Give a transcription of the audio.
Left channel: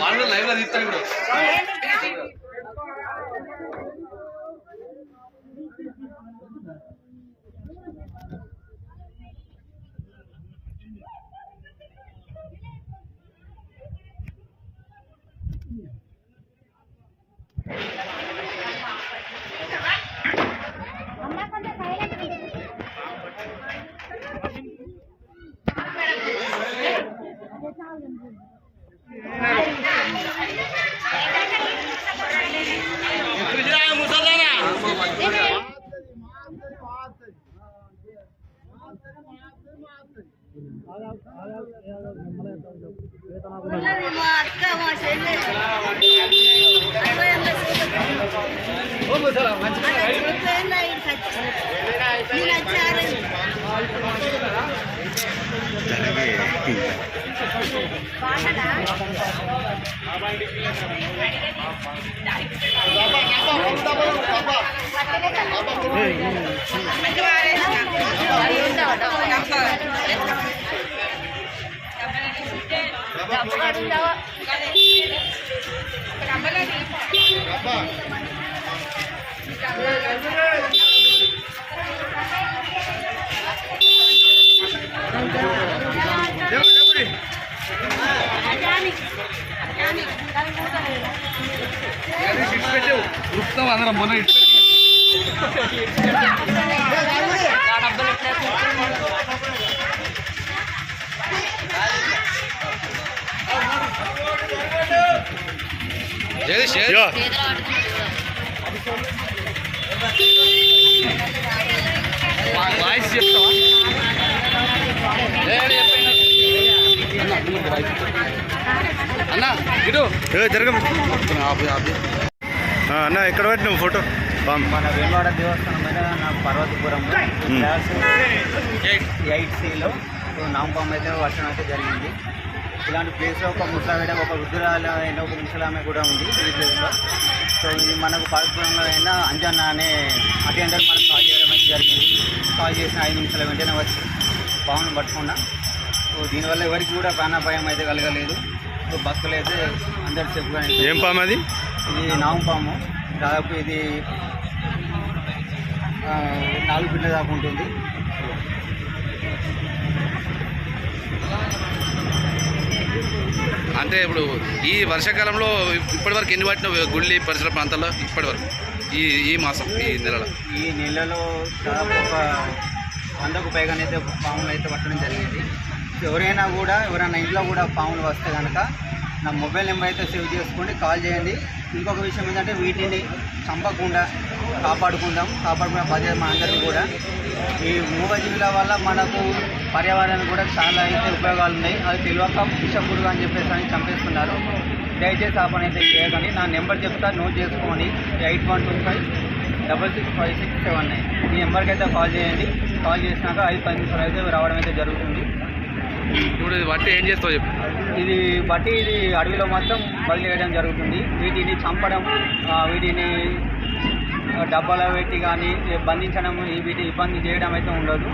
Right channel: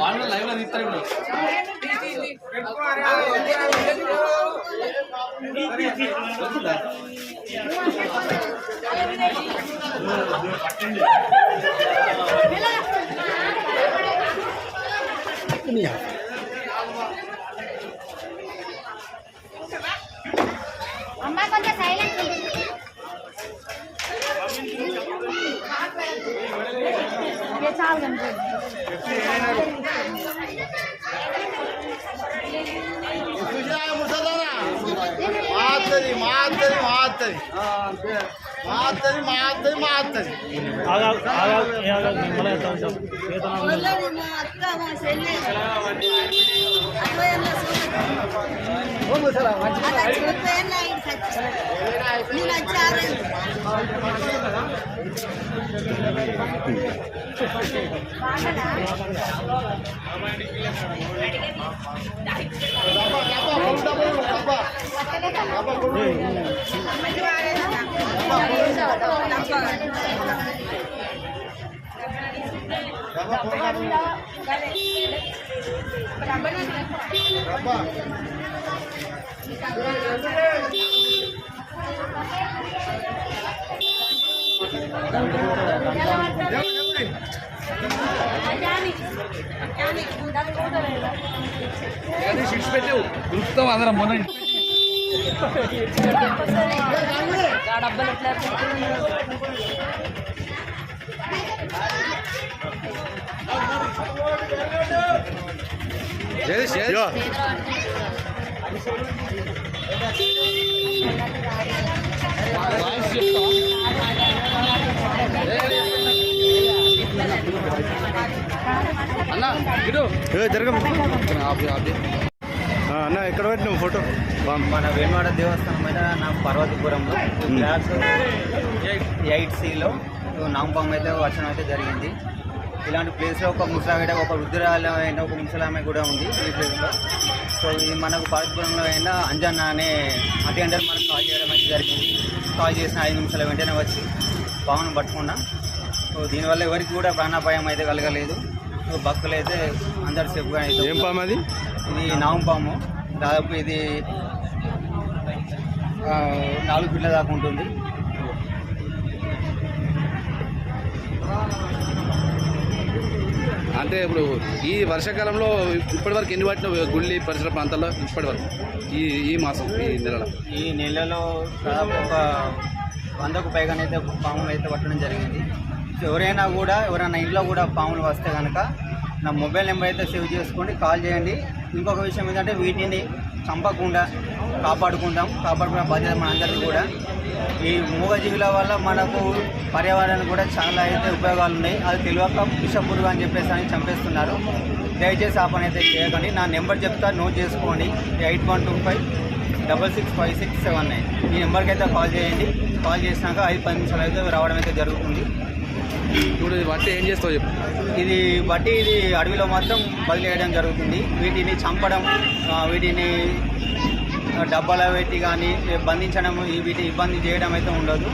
వాళ్ళు లైవ్లో తీస్తారు ఇప్పుడు. అమ్మా కొంచెం సైలెంట్ ఇక చాలు కనిపించదు మాత్తది మాత్తది మాత్తది మాత్తది టీ Thank you. అందరం మొన్న ఏది షేర్ వాయిస్ చెప్తావా అన్న ఇటు జరగ అన్న ఎక్కడ పెట్టినావు ఫోటో? మన వేమవాడ దేవస్థానం మీద నాకు పర్వతపురంలో. క్లాస్ ఎయిట్ సిలో నాంపం అయితే వర్షం అయితే జరిగింది. ఇలాంటి ప్లేస్లో ఒక ముసలావిడ ఒక వృద్ధురాలు అయిన ఒక ముసలామె కూడా ఉంది ఈ ప్లేస్లో సో ఇది మనకు పర్వతపురంలో అయినా అంజన్న అనే అటెండర్ మనకు కాల్ చేయడం అయితే జరిగింది. కాల్ చేసిన ఐదు నిమిషాల వెంటనే వచ్చి పామును పట్టుకున్నా. సో దీనివల్ల ఎవరికి కూడా ప్రాణాపాయం అయితే కలగలేదు. సో భక్తులు అయితే అందరు అయితే ఏం పాము అది? ఇది నాగు పాము. దాదాపు ఇది నాలుగు ఫీట్ల దాకా ఉంటుంది. అంటే ఇప్పుడు ఈ వర్షాకాలంలో ఇప్పటి వరకు ఎన్ని పట్టిన గుళ్ళి పరిసర ప్రాంతాల్లో ఇప్పటి వరకు ఈ ఈ మాసం ఈ నెలలో? ఈ నెలలో దాదాపు ఒక వందకు పైగానైతే పాములు అయితే పట్టడం జరిగింది. ఎవరైనా కూడా ఎవరైనా ఇంట్లో కూడా పాములు వస్తే కనుక నా మొబైల్ నెంబర్ అయితే సేవ్ చేసుకోండి కాల్ చేయండి. ఇంకొక విషయం ఏంటంటే వీటిని చంపకుండా కాపాడుకుందాం. కాపాడుకున్న బాధ్యత మనందరికీ కూడా. ఈ మూగజీవుల వల్ల మనకు పర్యావరణానికి కూడా చాలా అయితే ఉపయోగాలు ఉన్నాయి. అది తెలియక విషపురుగు అని చెప్పేసి అని చంపేస్తున్నారు. దయచేసి ఆ పని అయితే చేయకండి. నా నెంబర్ చెప్తా నోట్ చేసుకోండి. Eight one two five double six five six seven nine. ఈ నెంబర్కి అయితే కాల్ చేయండి. కాల్ చేసినాక ఐదు పది నిమిషాలు అయితే రావడం అయితే జరుగుతుంది. ఇప్పుడు ఇది ఏం చేస్తావు చెప్పు. ఇది బట్టి ఇది అడవిలో మాత్రం వదిలేయడం జరుగుతుంది. వీటిని చంపడం వీటిని డబ్బాలో పెట్టి కానీ బంధించడం వీటిని ఇబ్బంది చేయడం అయితే ఉండదు.